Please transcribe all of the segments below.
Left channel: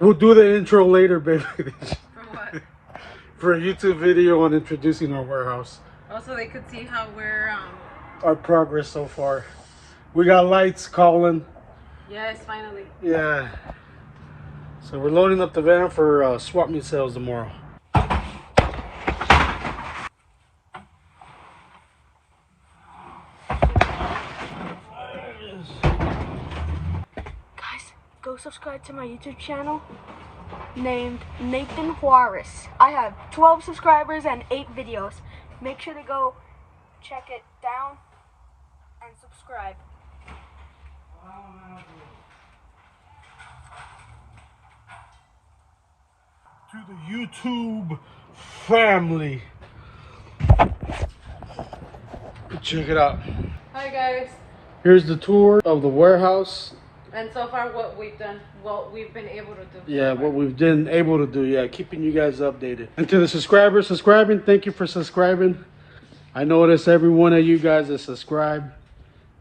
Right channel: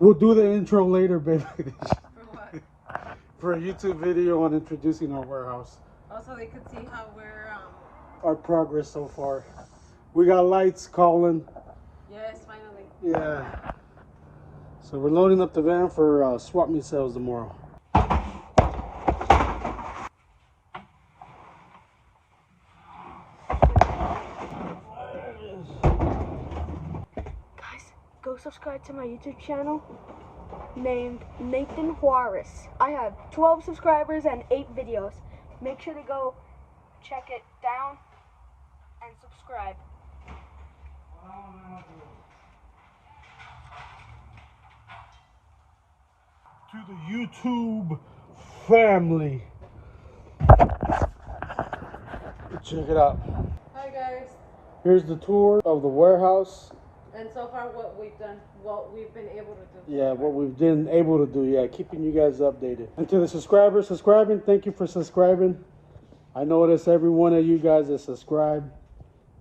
We'll do the intro later, baby. For what? For a YouTube video on introducing our warehouse. Also, they could see how we're Our progress so far. We got lights calling. Yes, finally. Yeah. So we're loading up the van for swap meet sales tomorrow. Guys, go subscribe to my YouTube channel named Nathan Juarez. I have 12 subscribers and 8 videos. Make sure to go check it down and subscribe. To the YouTube family. Check it out. Hi guys. Here's the tour of the warehouse. And so far, what we've done, what we've been able to do. Yeah, what we've been able to do. Yeah, keeping you guys updated. And to the subscribers subscribing, thank you for subscribing. I notice every one of you guys that subscribe.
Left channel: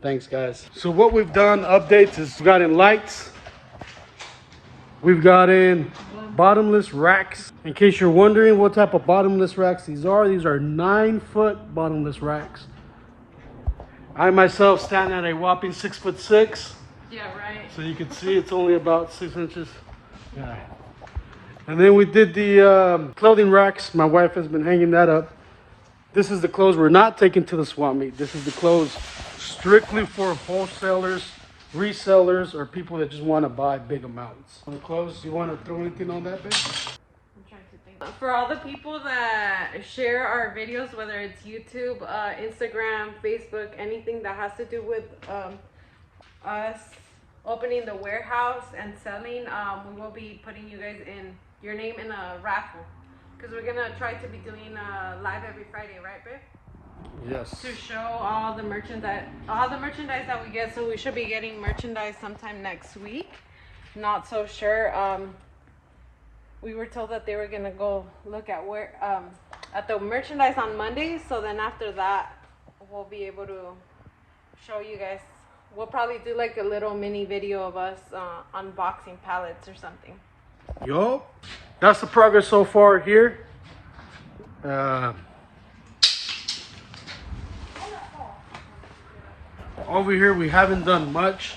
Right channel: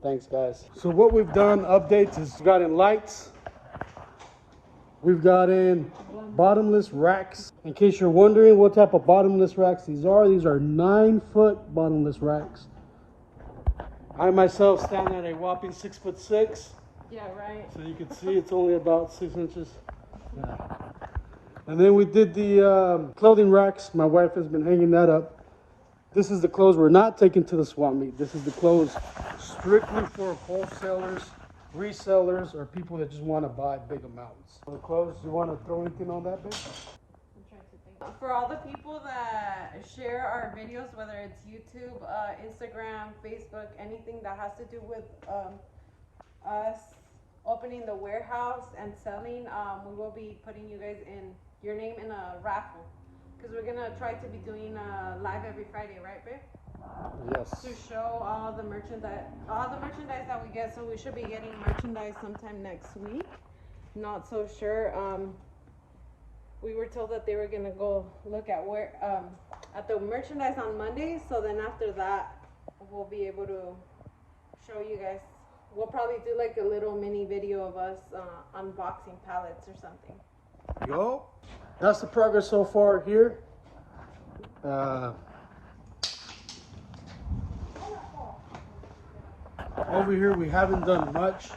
Thanks, guys. So what we've done, updates, is we've got in lights. We've got in bottomless racks. In case you're wondering what type of bottomless racks these are 9-foot bottomless racks. I myself stand at a whopping 6'6". Yeah, right. So you can see it's only about 6 inches. Yeah. And then we did the clothing racks. My wife has been hanging that up. This is the clothes we're not taking to the swap meet. This is the clothes strictly for wholesalers, resellers, or people that just want to buy big amounts. On the clothes, you want to throw anything on that, babe? I'm trying to think. For all the people that share our videos, whether it's YouTube, Instagram, Facebook, anything that has to do with us opening the warehouse and selling, we will be putting you guys in your name in a raffle, because we're gonna try to be doing live every Friday, right, babe? Yes. To show all the merchandise that we get. So we should be getting merchandise sometime next week. Not so sure. We were told that they were gonna go look at where at the merchandise on Monday. So then after that, we'll be able to show you guys. We'll probably do like a little mini video of us unboxing pallets or something. Yo, that's the progress so far here. Over here we haven't done much.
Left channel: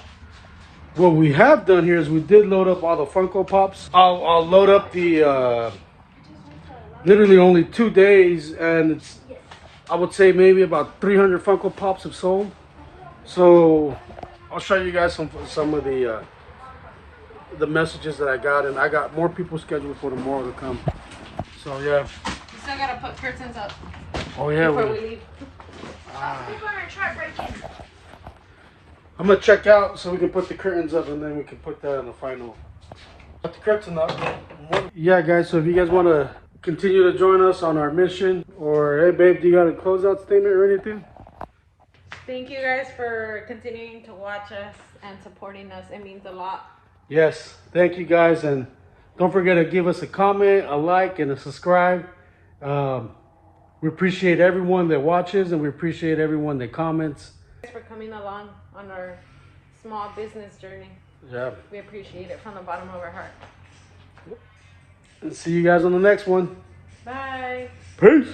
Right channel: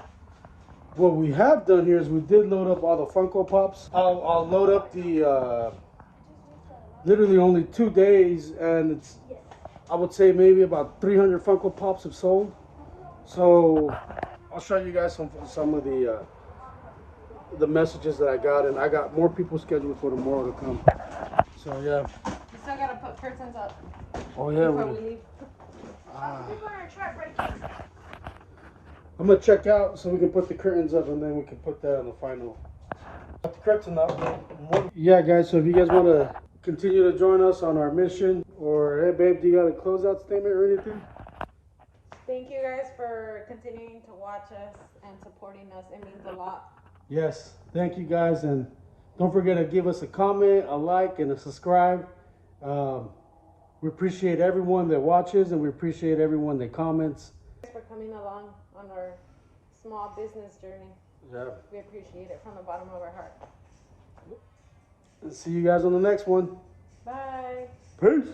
What we have done here is we did load up all the Funko Pops. I'll load up the literally only 2 days, and it's, I would say maybe about 300 Funko Pops have sold. So I'll show you guys some of the messages that I got, and I got more people scheduled for tomorrow to come. So yeah. We still gotta put curtains up. Oh yeah. Before we leave. I'm gonna check out so we can put the curtains up, and then we can put that on the final. Put the curtain up. Yeah, guys. So if you guys want to continue to join us on our mission, or hey, babe, do you got a closeout statement or anything? Thank you guys for continuing to watch us and supporting us. It means a lot. Yes, thank you guys, and don't forget to give us a comment, a like, and a subscribe. We appreciate everyone that watches, and we appreciate everyone that comments. Thanks for coming along on our small business journey. Yeah. We appreciate it from the bottom of our heart. And see you guys on the next one. Bye. Peace.